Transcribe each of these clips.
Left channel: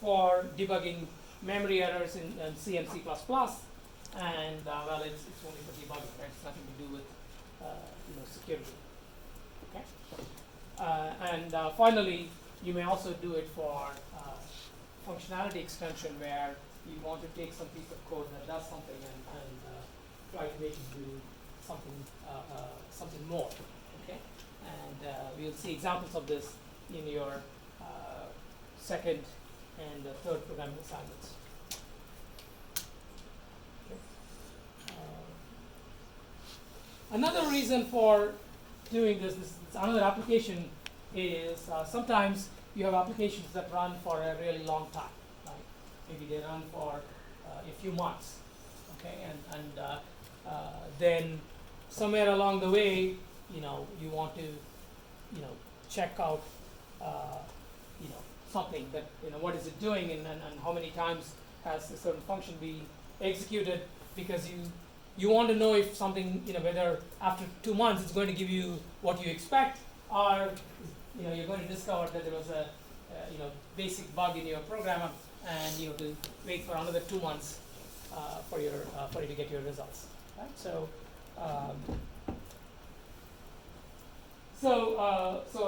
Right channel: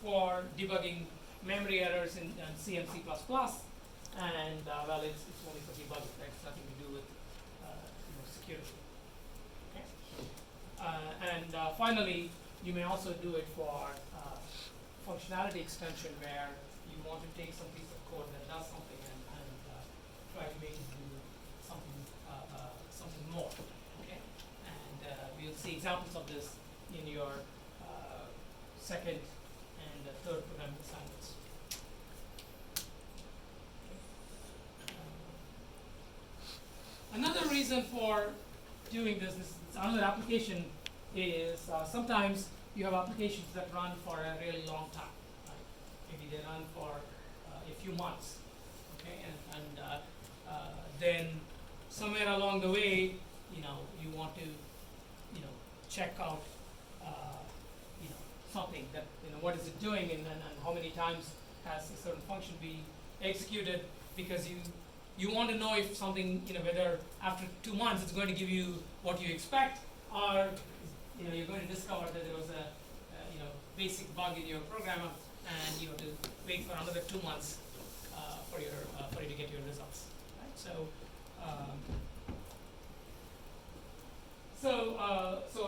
for debugging memory errors in C and C++, and well, it's only for debugging. That's nothing to do with security. Okay. And finally, you may also do it for functionality extension, where you want to take some piece of code that does something and try to make it do something more. Okay, and we'll see examples of this in your second and third programming assignments. Another reason for doing this another application is sometimes you have applications that run for a really long time. Right? Maybe they run for a few months. Okay, and then somewhere along the way, you want to, check out, something that, what is it doing, and how many times has a certain function be executed, because you want to know if something, whether after 2 months it's going to give you what you expect, or you're going to discover that there was a basic bug in your program, and you have to wait for another 2 months for you to get your results. Right? So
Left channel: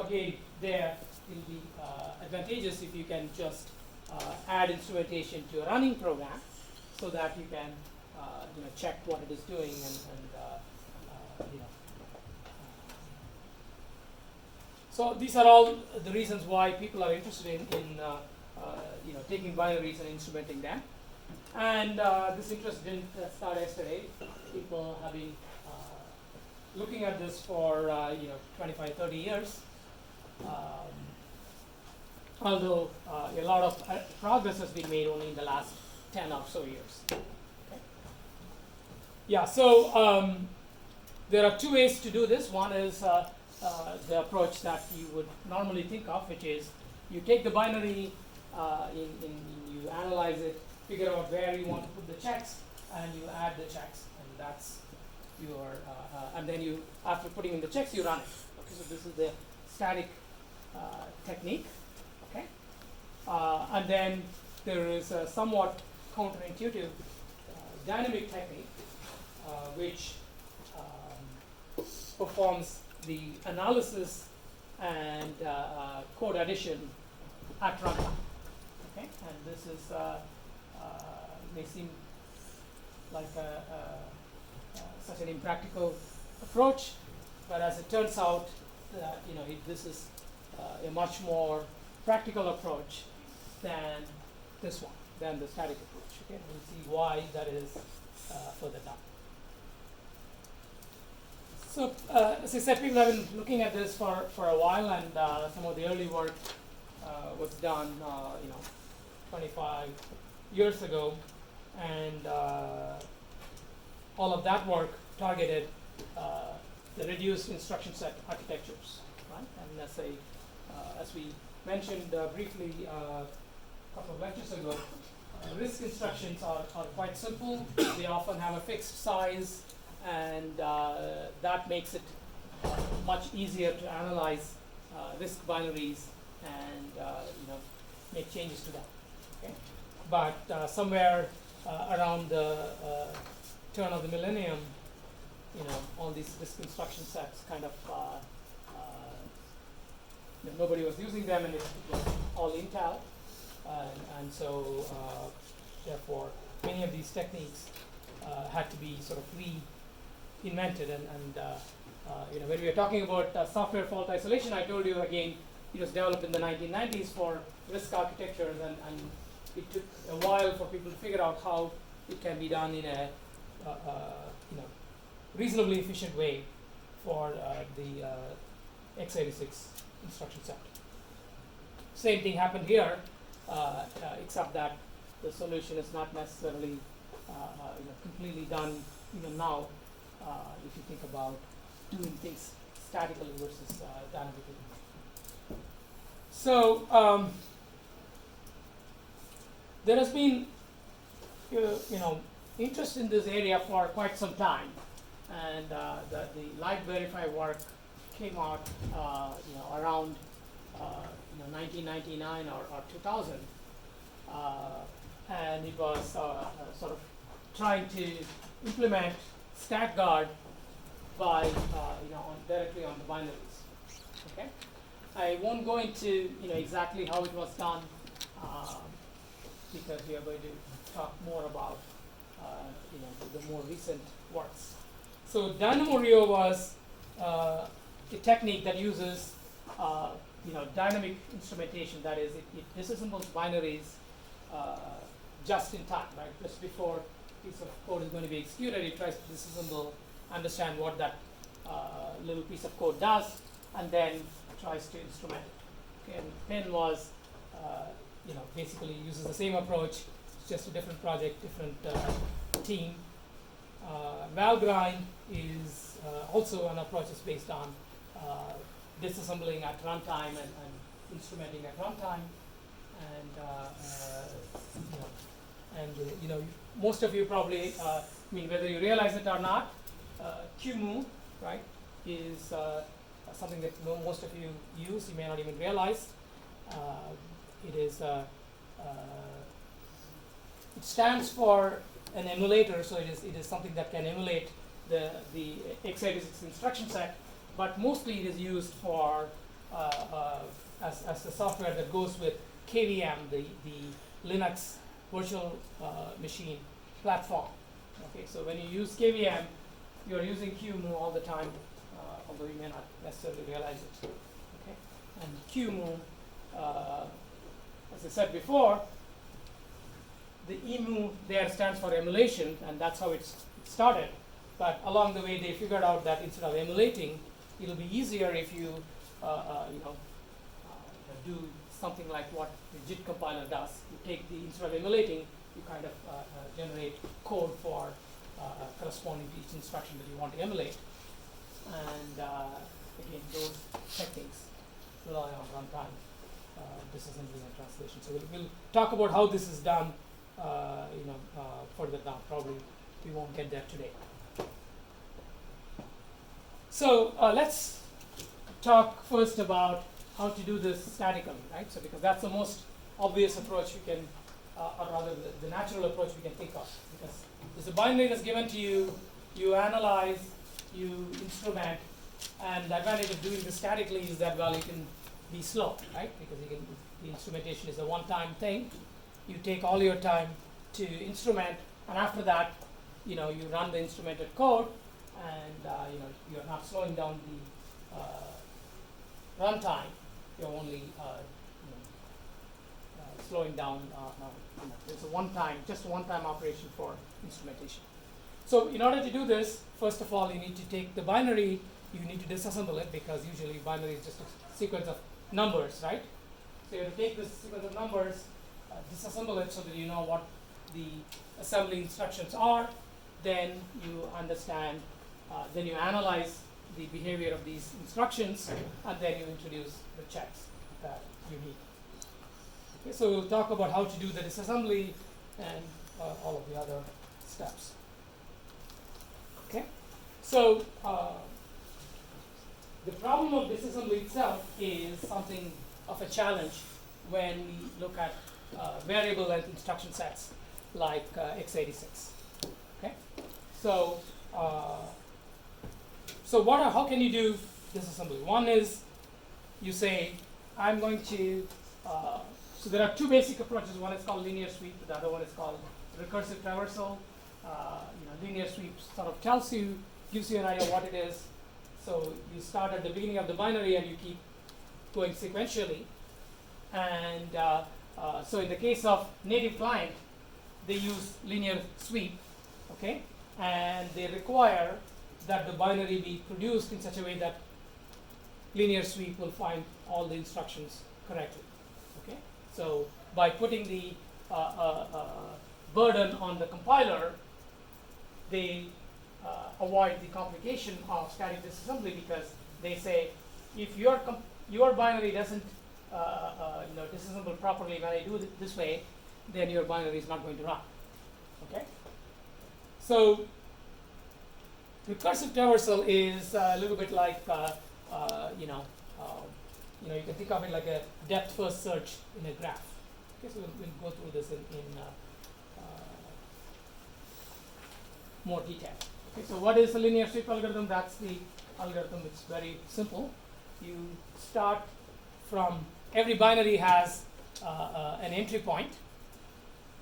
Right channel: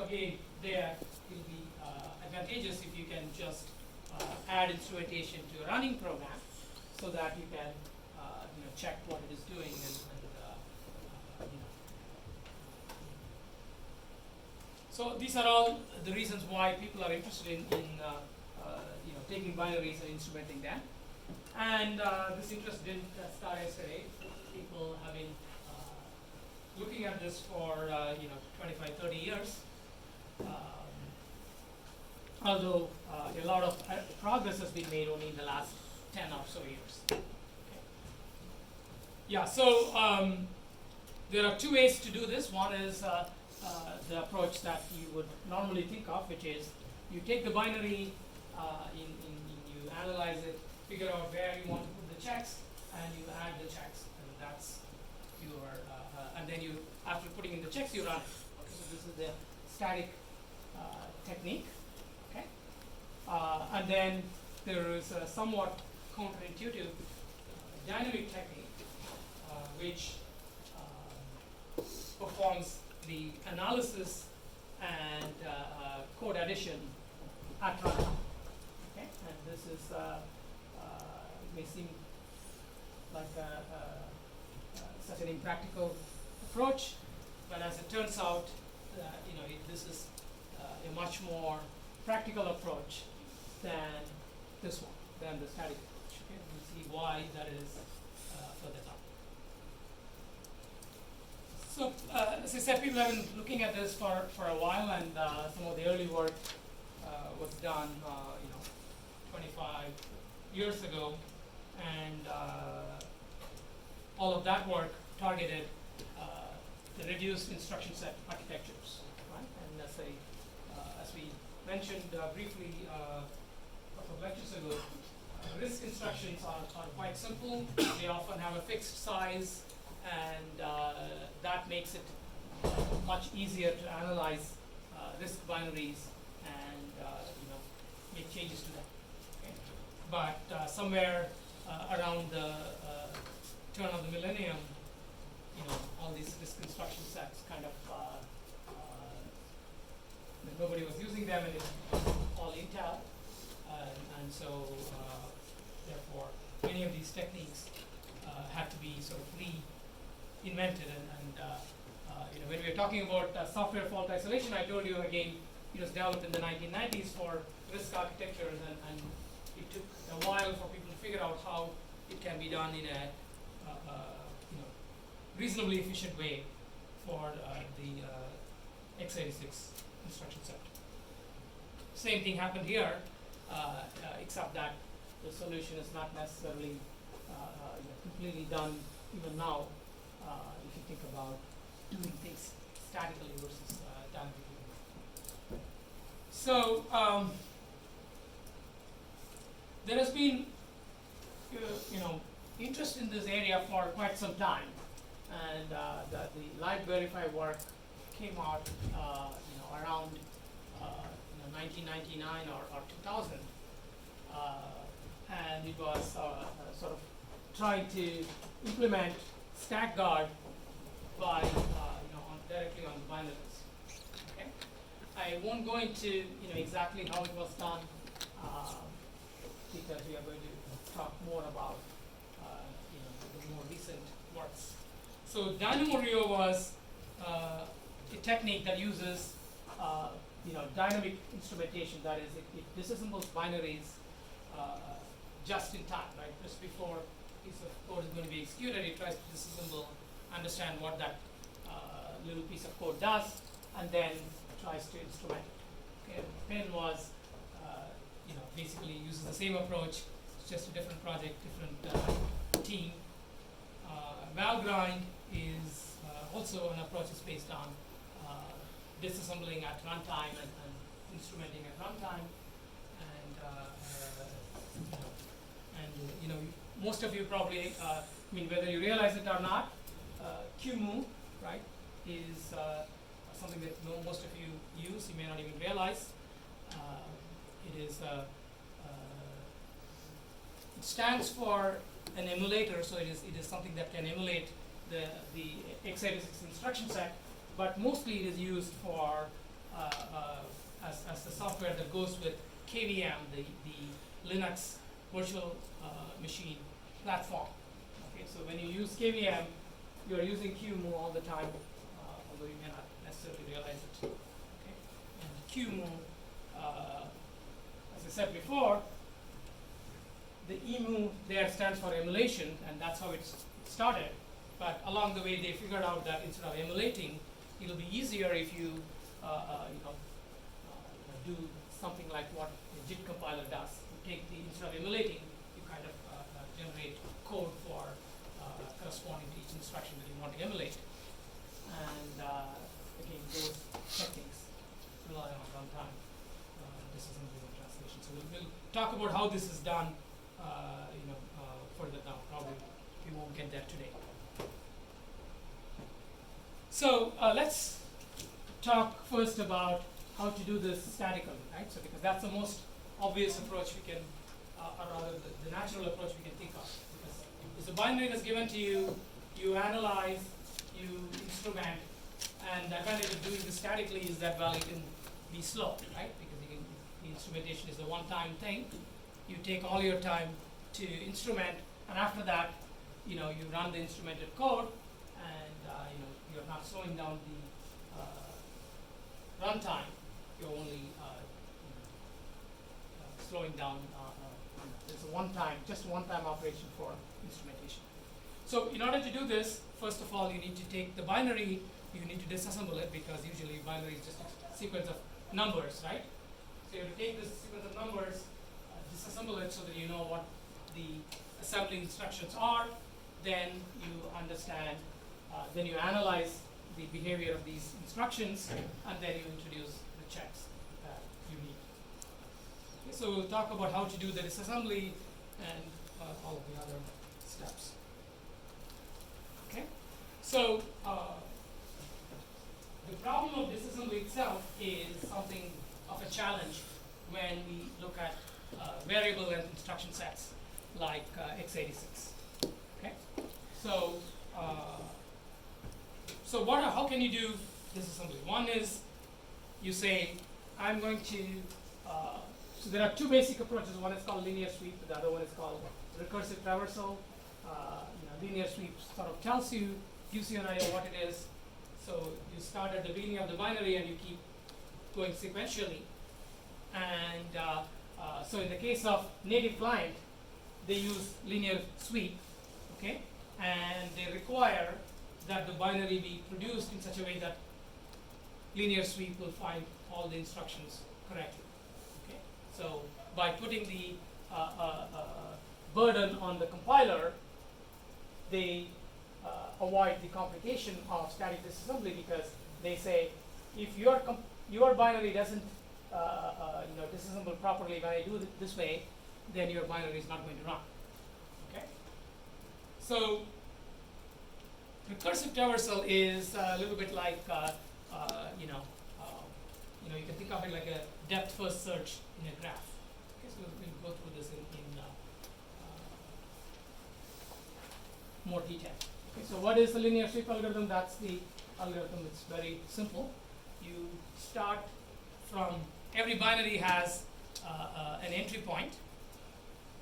again, there will be advantageous if you can just add instrumentation to a running program, so that you can check what it is doing and So these are all the reasons why people are interested in taking binaries and instrumenting them. And this interest didn't start yesterday. People have been looking at this for 25, 30 years. Although a lot of progress has been made only in the last 10 or so years. Okay. Yeah, so there are two ways to do this. One is the approach that you would normally think of, which is you take the binary, you analyze it, figure out where you want to put the checks, and you add the checks, and that's your, and then you, after putting in the checks, you run it. Okay, so this is the static technique. Okay, and then there is a somewhat counterintuitive dynamic technique, which performs the analysis and code addition at runtime. Okay, and this is may seem like such an impractical approach, but as it turns out, this is a much more practical approach than this one, than the static approach. Okay, we'll see why that is further down. So, as I said, people have been looking at this for a while, and some of the early work was done, 25 years ago, and all of that work targeted the reduced instruction set architectures, right? And as we mentioned briefly a couple of lectures ago, RISC instructions are quite simple. They often have a fixed size, and that makes it much easier to analyze RISC binaries and make changes to them. Okay? But somewhere around the turn of the millennium, all these RISC instruction sets kind of nobody was using them, and it was all Intel, and so therefore many of these techniques had to be sort of reinvented, and when we were talking about software fault isolation, I told you again it was developed in the 1990s for RISC architectures, and it took a while for people to figure out how it can be done in a reasonably efficient way for the x86 instruction set. Same thing happened here, except that the solution is not necessarily completely done even now, if you think about doing things statically versus dynamically. So there has been interest in this area for quite some time, and the LibVerify work came out around 1999 or 2000, and it was sort of trying to implement stack guard by directly on the binaries. Okay, I won't go into exactly how it was done because we are going to talk more about the more recent works. So DynamoRio was a technique that uses dynamic instrumentation. That is, it disassembles binaries just in time, right? Just before a piece of code is going to be executed, it tries to disassemble, understand what that little piece of code does, and then tries to instrument it. Okay, and Penn was, basically uses the same approach. It's just a different project, different team. Valgrind is also an approach is based on disassembling at runtime and instrumenting at runtime, and most of you probably, whether you realize it or not, QEMU, right, is something that most of you use. You may not even realize. It is it stands for an emulator, so it is something that can emulate the x86 instruction set, but mostly it is used for as the software that goes with KVM, the Linux virtual machine platform. Okay, so when you use KVM, you are using QEMU all the time, although you may not necessarily realize it. Okay, and QEMU, as I said before, the EMU there stands for emulation, and that's how it started. But along the way, they figured out that instead of emulating, it'll be easier if you do something like what the JIT compiler does. You take instead of emulating, you kind of generate code for corresponding to each instruction that you want to emulate. And again, those techniques rely on runtime disassembly and translation. So we'll talk about how this is done further down. Probably we won't get there today. So let's talk first about how to do this statically, right? So because that's the most obvious approach we can, or rather the natural approach we can think of. Because if the binary is given to you, you analyze, you instrument, and the advantage of doing this statically is that, well, you can be slow, right? Because the instrumentation is a one-time thing. You take all your time to instrument, and after that, you run the instrumented code, and you're not slowing down the runtime. You're only slowing down. It's just a one-time operation for instrumentation. So in order to do this, first of all, you need to take the binary. You need to disassemble it because usually binary is just a sequence of numbers, right? So you have to take this sequence of numbers, disassemble it so that you know what the assembly instructions are. Then you understand, then you analyze the behavior of these instructions, and then you introduce the checks that you need. Okay, so we'll talk about how to do the disassembly and all of the other steps. Okay, so the problem of disassembly itself is something of a challenge when we look at variable length instruction sets like x86. Okay, so how can you do disassembly? One is you say I'm going to. So there are two basic approaches. One is called linear sweep. The other one is called recursive traversal. Linear sweep sort of gives you an idea what it is. So you start at the beginning of the binary and you keep going sequentially. And so in the case of native client, they use linear sweep, okay? And they require that the binary be produced in such a way that linear sweep will find all the instructions correctly, okay? So by putting the burden on the compiler, they avoid the complication of static disassembly because they say if your binary doesn't disassemble properly when I do it this way, then your binary is not going to run. Okay. So recursive traversal is a little bit like you can think of it like a depth first search in a graph. Okay, so we'll go through this in more detail. Okay, so what is a linear sweep algorithm? That's the algorithm. It's very simple. You start from, every binary has an entry point.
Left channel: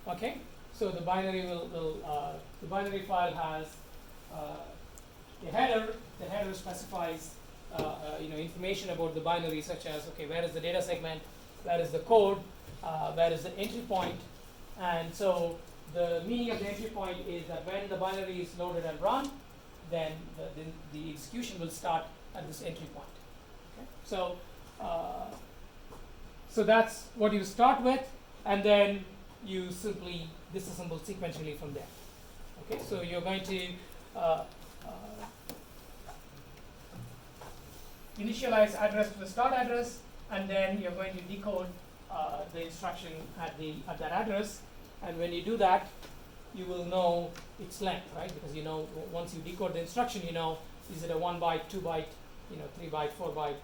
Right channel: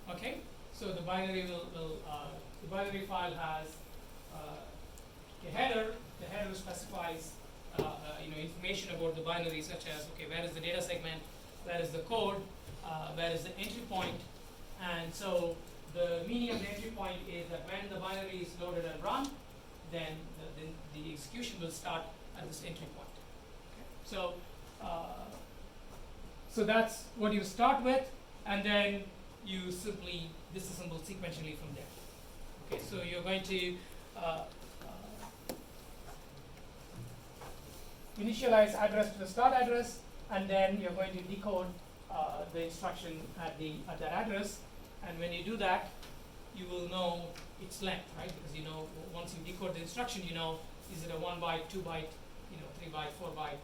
Okay, so the binary the binary file has a header. The header specifies information about the binary, such as, okay, where is the data segment, where is the code, where is the entry point. And so the meaning of the entry point is that when the binary is loaded and run, then the execution will start at this entry point. Okay? So that's what you start with, and then you simply disassemble sequentially from there. Okay, so you're going to initialize address to the start address, and then you're going to decode the instruction at that address. And when you do that, you will know its length, right? Because you know, once you decode the instruction, you know, is it a 1 byte, 2 byte, 3 byte, 4 byte,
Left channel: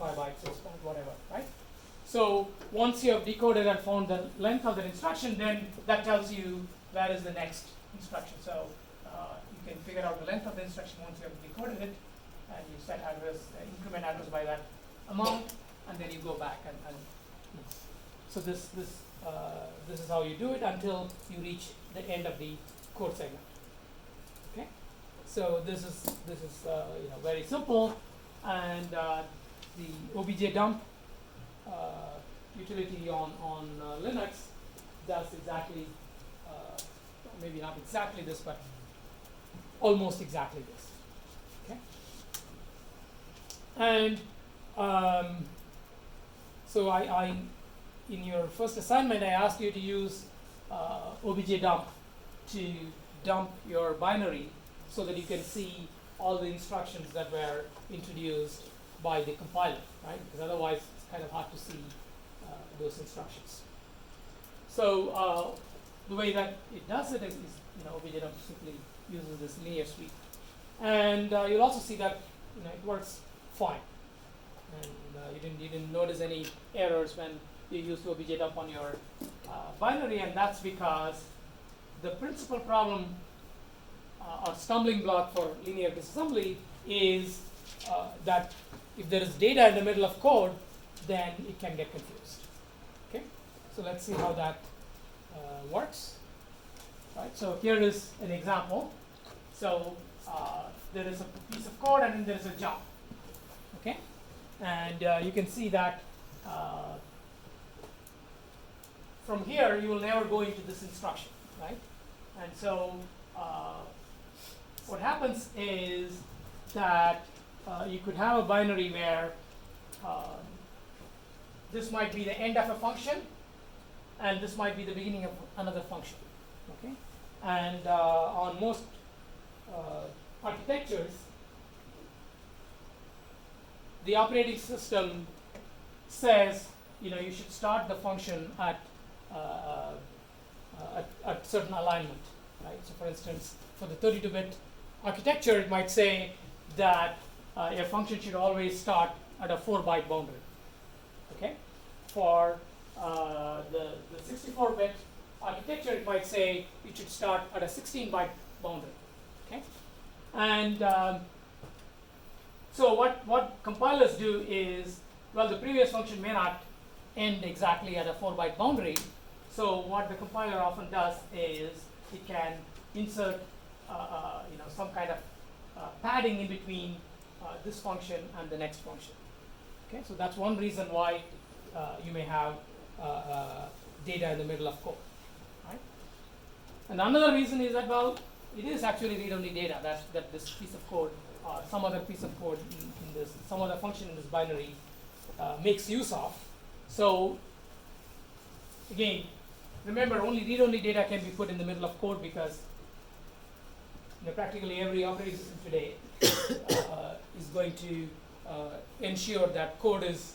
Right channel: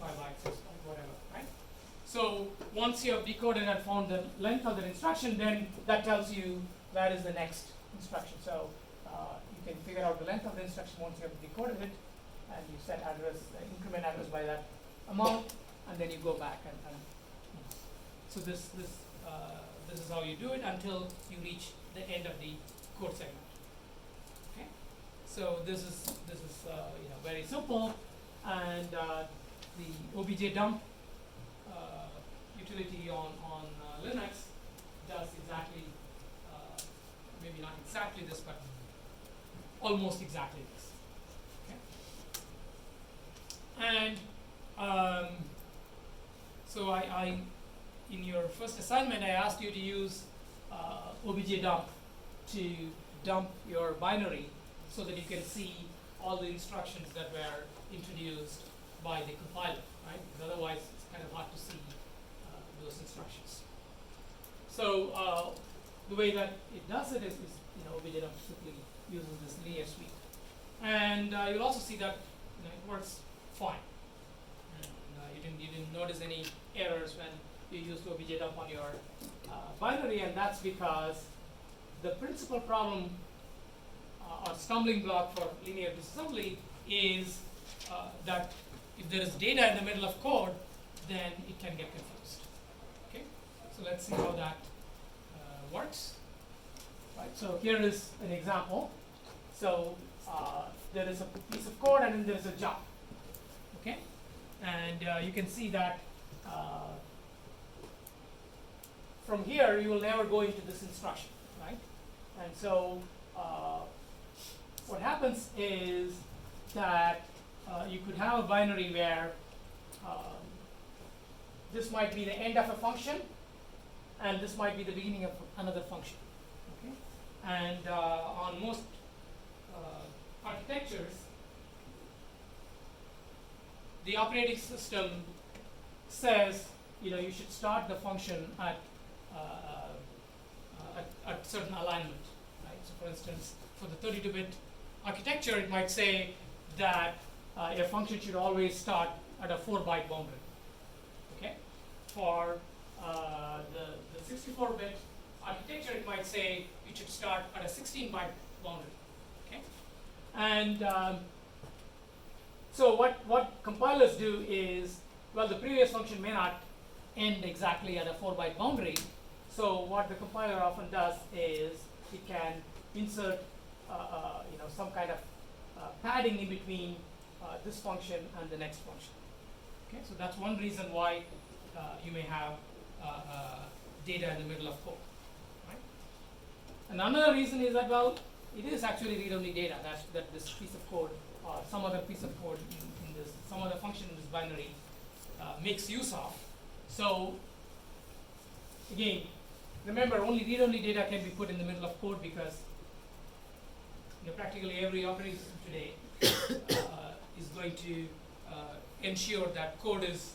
5 byte, 6 byte, whatever, right? So once you have decoded and found the length of that instruction, then that tells you where is the next instruction. So you can figure out the length of the instruction once you have decoded it, and you set address, increment address by that amount, and then you go back and so this is how you do it until you reach the end of the code segment. Okay, so this is very simple, and the obj dump utility on Linux does exactly, maybe not exactly this, but almost exactly this. Okay, and so I in your first assignment, I asked you to use obj dump to dump your binary so that you can see all the instructions that were introduced by the compiler, right? Because otherwise it's kind of hard to see those instructions. So the way that it does it is obj dump simply uses this linear sweep, and you'll also see that it works fine, and you didn't notice any errors when you used obj dump on your binary, and that's because the principal problem or stumbling block for linear disassembly is that if there is data in the middle of code, then it can get confused. Okay, so let's see how that works. Right, so here is an example. So there is a piece of code, and then there is a job. Okay, and you can see that from here you will never go into this instruction, right? And so what happens is that you could have a binary where this might be the end of a function, and this might be the beginning of another function. Okay, and on most architectures, the operating system says you should start the function at certain alignment, right? So for instance, for the 32-bit architecture, it might say that a function should always start at a 4-byte boundary. Okay, for the 64-bit architecture, it might say it should start at a 16-byte boundary. Okay, and so what compilers do is, well, the previous function may not end exactly at a 4-byte boundary. So what the compiler often does is it can insert some kind of padding in between this function and the next function. Okay, so that's one reason why you may have data in the middle of code. Right? And another reason is that, well, it is actually read-only data that this piece of code or some other piece of code in this, some other function in this binary makes use of. So again, remember, only read-only data can be put in the middle of code because practically every operating system today is going to ensure that code is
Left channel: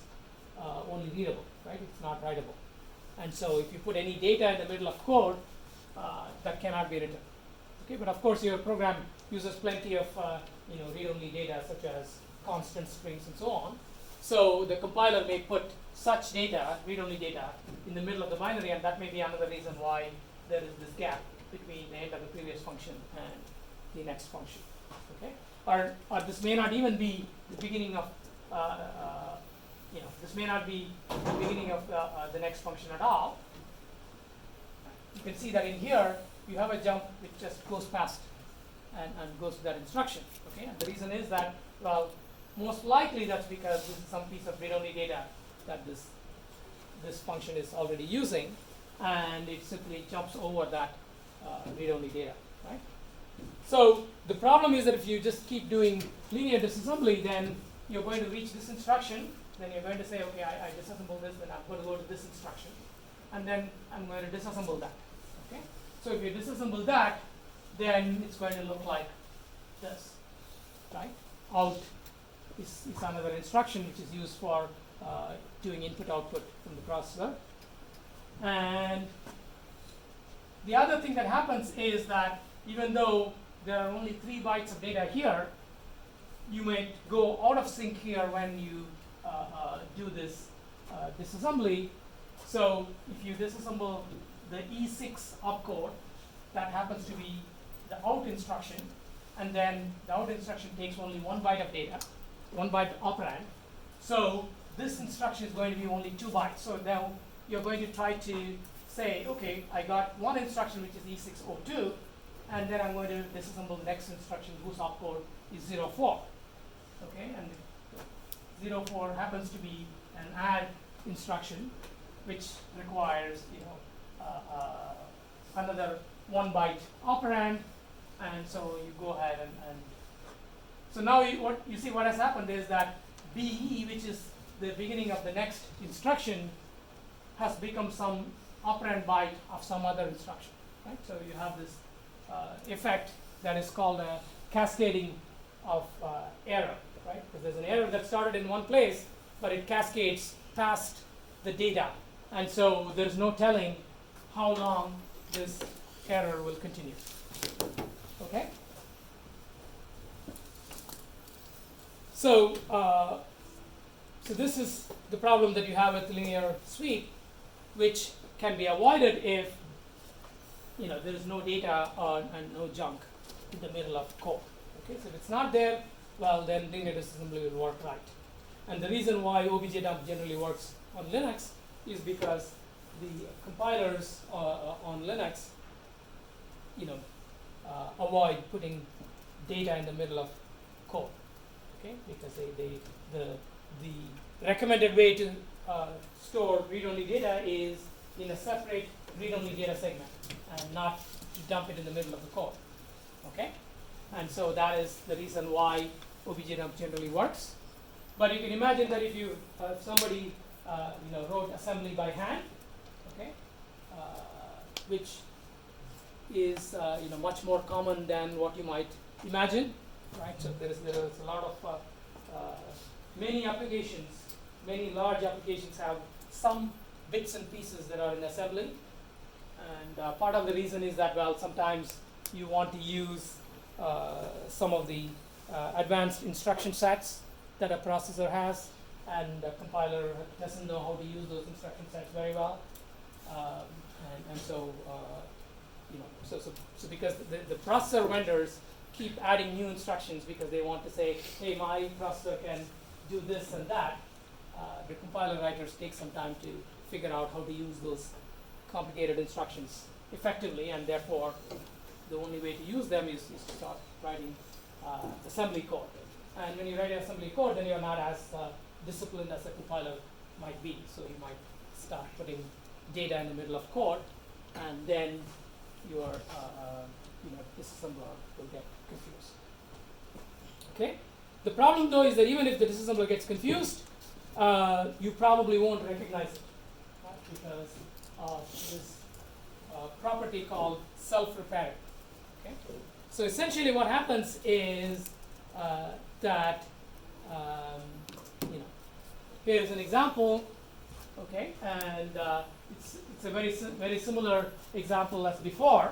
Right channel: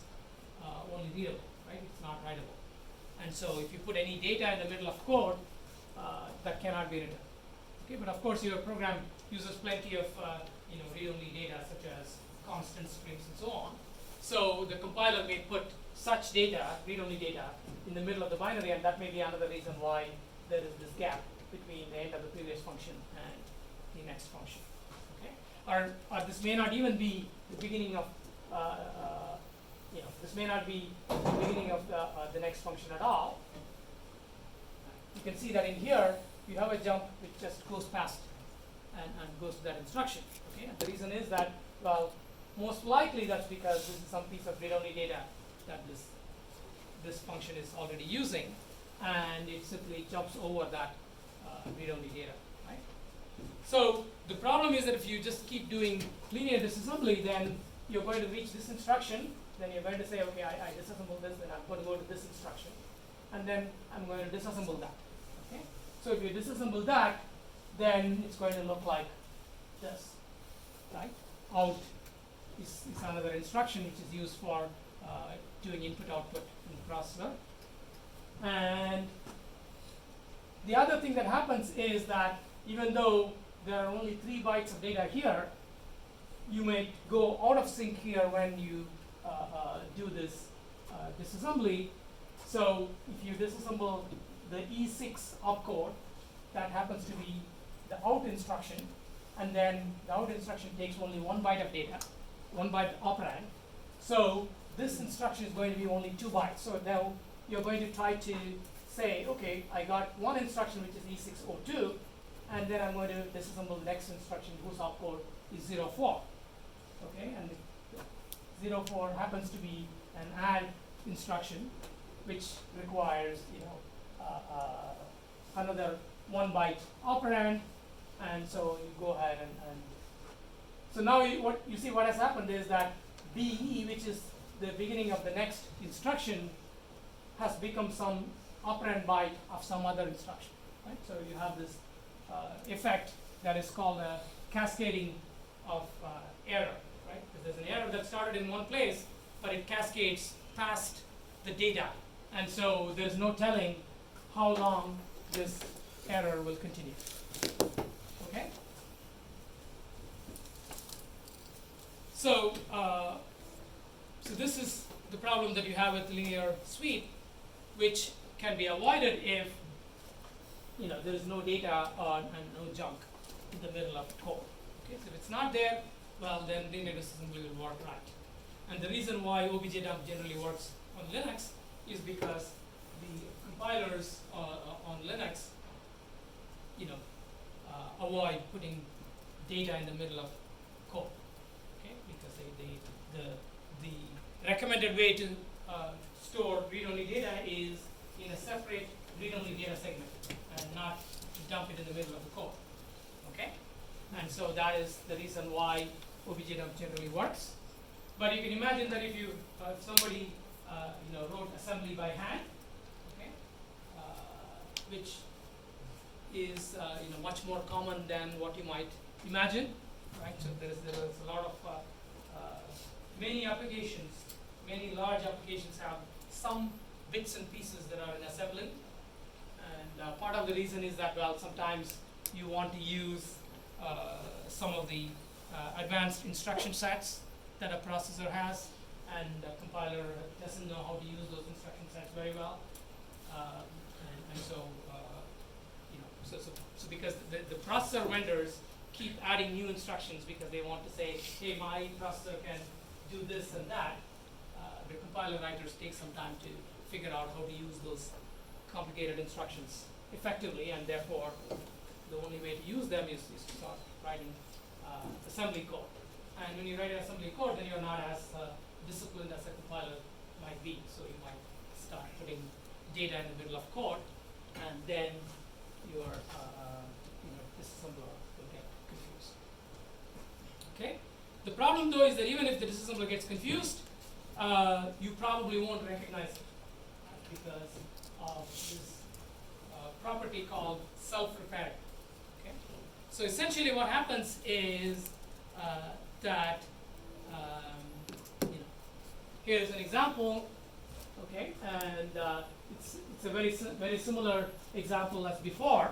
only readable, right? It's not writable. And so if you put any data in the middle of code, that cannot be written. Okay, but of course your program uses plenty of read-only data such as constant strings and so on. So the compiler may put such data, read-only data, in the middle of the binary, and that may be another reason why there is this gap between the end of the previous function and the next function. Okay, or this may not even be the beginning of this may not be the beginning of the next function at all. You can see that in here you have a jump which just goes past and goes to that instruction. Okay, and the reason is that, well, most likely that's because this is some piece of read-only data that this function is already using, and it simply jumps over that read-only data, right? So the problem is that if you just keep doing linear disassembly, then you're going to reach this instruction, then you're going to say, okay, I disassemble this, then I'm going to go to this instruction, and then I'm going to disassemble that. Okay? So if you disassemble that, then it's going to look like this, right? Out is another instruction which is used for doing input-output from the processor. And the other thing that happens is that even though there are only 3 bytes of data here, you may go out of sync here when you do this disassembly. So if you disassemble the E6 opcode, that happens to be the out instruction, and then the out instruction takes only 1 byte of data, 1 byte operand. So this instruction is going to be only 2 bytes. So now you're going to try to say, okay, I got one instruction which is E602, and then I'm going to disassemble the next instruction whose opcode is 04. Okay, and the 04 happens to be an add instruction, which requires another 1 byte operand, and so you go ahead and so now what you see what has happened is that BE, which is the beginning of the next instruction, has become some operand byte of some other instruction, right? So you have this effect that is called a cascading of error, right? Because there's an error that started in one place, but it cascades past the data, and so there's no telling how long this error will continue. Okay. So so this is the problem that you have with linear sweep, which can be avoided if there is no data and no junk in the middle of code. Okay, so if it's not there, well, then linear disassembly will work right. And the reason why OBJDump generally works on Linux is because the compilers on Linux, avoid putting data in the middle of code. Okay, because the recommended way to store read-only data is in a separate read-only data segment and not to dump it in the middle of the code. Okay, and so that is the reason why OBJDump generally works. But you can imagine that if you somebody wrote assembly by hand, okay, which is much more common than what you might imagine, right? So there is a lot of many applications, many large applications have some bits and pieces that are in assembly, and part of the reason is that, well, sometimes you want to use some of the advanced instruction sets that a processor has, and the compiler doesn't know how to use those instruction sets very well, and so so because the processor vendors keep adding new instructions because they want to say, hey, my processor can do this and that, the compiler writers take some time to figure out how to use those complicated instructions effectively, and therefore the only way to use them is to start writing assembly code. And when you write assembly code, then you're not as disciplined as a compiler might be. So you might start putting data in the middle of code, and then your disassembler will get confused. Okay. The problem, though, is that even if the disassembler gets confused, you probably won't recognize it, right? Because of this property called self-repairing. Okay. So essentially, what happens is that here's an example. Okay, and it's a very similar example as before.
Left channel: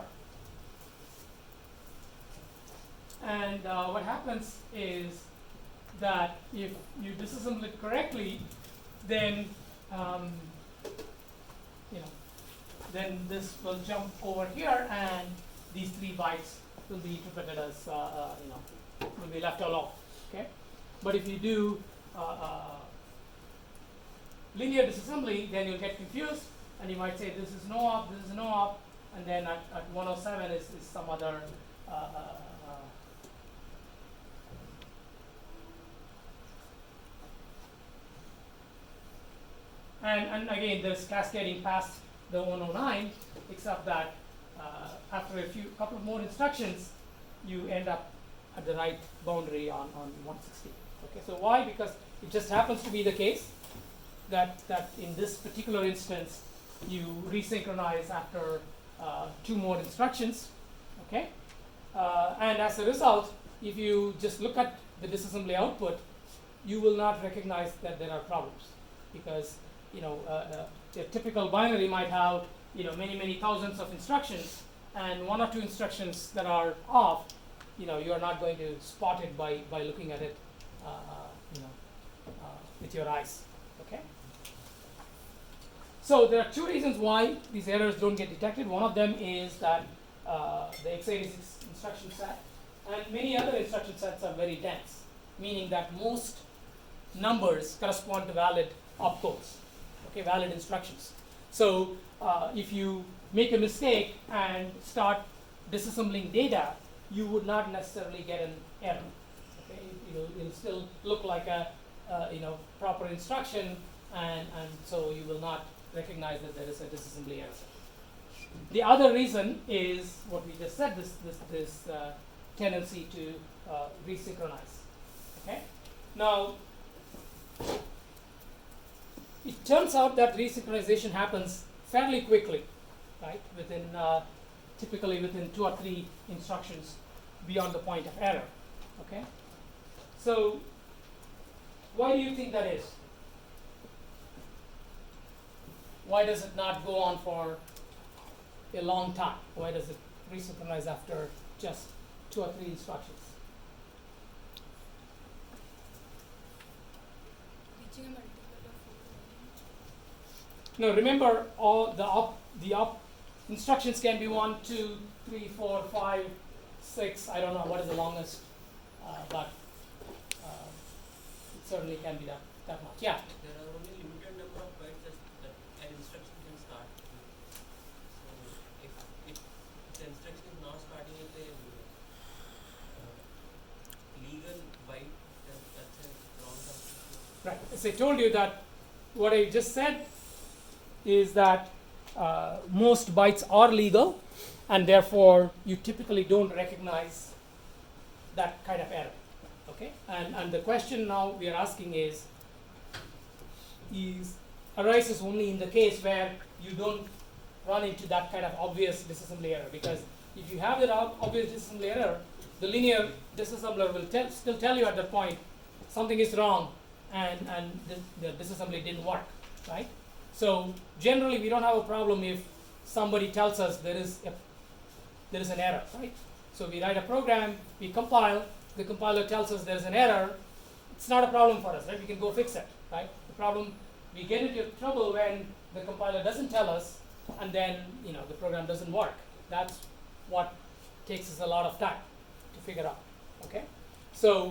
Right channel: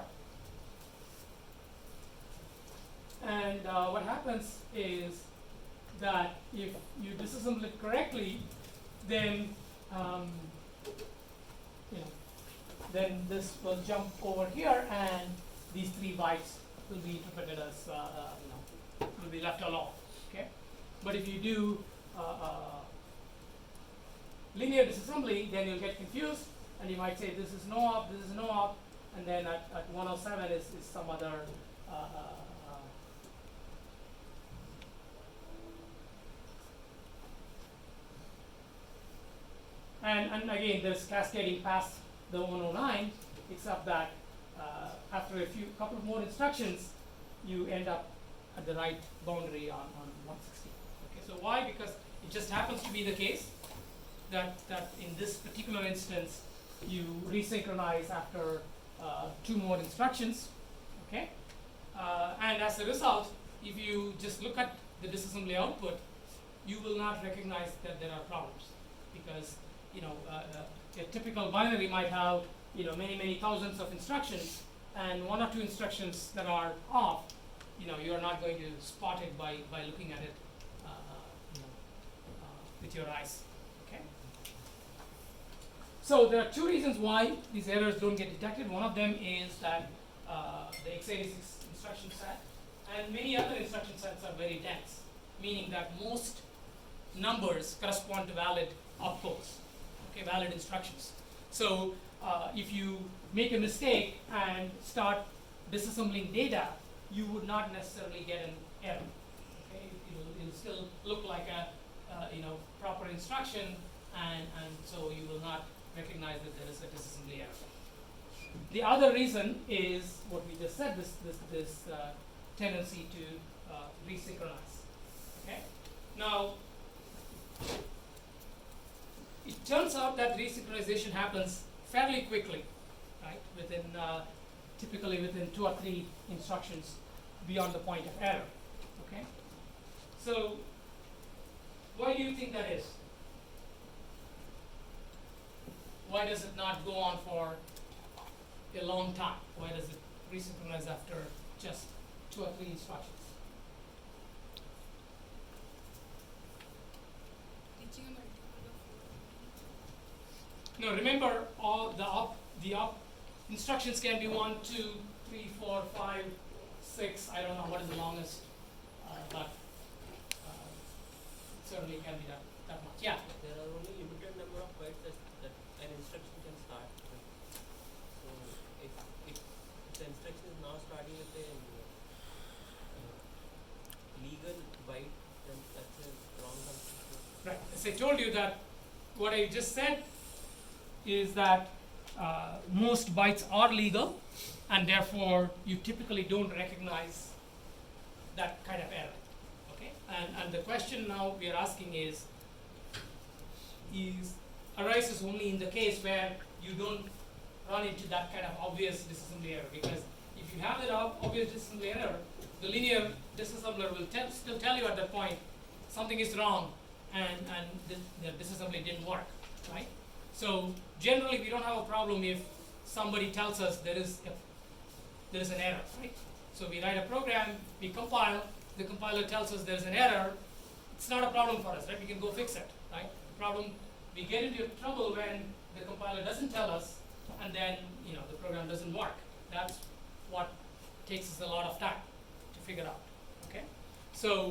And what happens is that if you disassemble it correctly, then um, you know, then this will jump over here, and these 3 bytes will be interpreted as you know, will be left alone. Okay, but if you do linear disassembly, then you'll get confused, and you might say this is no op, this is no op, and then at 107 is some other and again, there's cascading past the 109, except that after a couple of more instructions, you end up at the right boundary on 160. Okay, so why? Because it just happens to be the case that in this particular instance, you resynchronize after 2 more instructions. Okay, and as a result, if you just look at the disassembly output, you will not recognize that there are problems, because you know, a typical binary might have, you know, many thousands of instructions, and 1 or 2 instructions that are off, you know, you are not going to spot it by looking at it, you know, with your eyes. Okay. So there are 2 reasons why these errors don't get detected. One of them is that the x86 instruction set and many other instruction sets are very dense, meaning that most numbers correspond to valid opcodes. Okay, valid instructions. So if you make a mistake and start disassembling data, you would not necessarily get an error. Okay, it'll still look like a you know, proper instruction, and so you will not recognize that there is a disassembly error. The other reason is what we just said, this tendency to resynchronize. Okay, now it turns out that resynchronization happens fairly quickly, right? Within typically within 2 or 3 instructions beyond the point of error. Okay, so why do you think that is? Why does it not go on for a long time? Why does it resynchronize after just 2 or 3 instructions? No, remember, all the op instructions can be 1, 2, 3, 4, 5, 6. I don't know what is the longest, but it certainly can be that much. Yeah. There are only limited number of bytes that an instruction can start. So if the instruction is now starting with a legal byte, then that's a wrong construction. Right. As I told you, that what I just said is that most bytes are legal, and therefore you typically don't recognize that kind of error. Okay, and the question now we are asking is arises only in the case where you don't run into that kind of obvious disassembly error, because if you have that obvious disassembly error, the linear disassembler will still tell you at that point something is wrong, and the disassembly didn't work, right? So generally we don't have a problem if somebody tells us there is an error, right? So we write a program, we compile, the compiler tells us there's an error. It's not a problem for us, right? We can go fix it, right? The problem, we get into trouble when the compiler doesn't tell us, and then the program doesn't work. That's what takes us a lot of time to figure out. Okay, so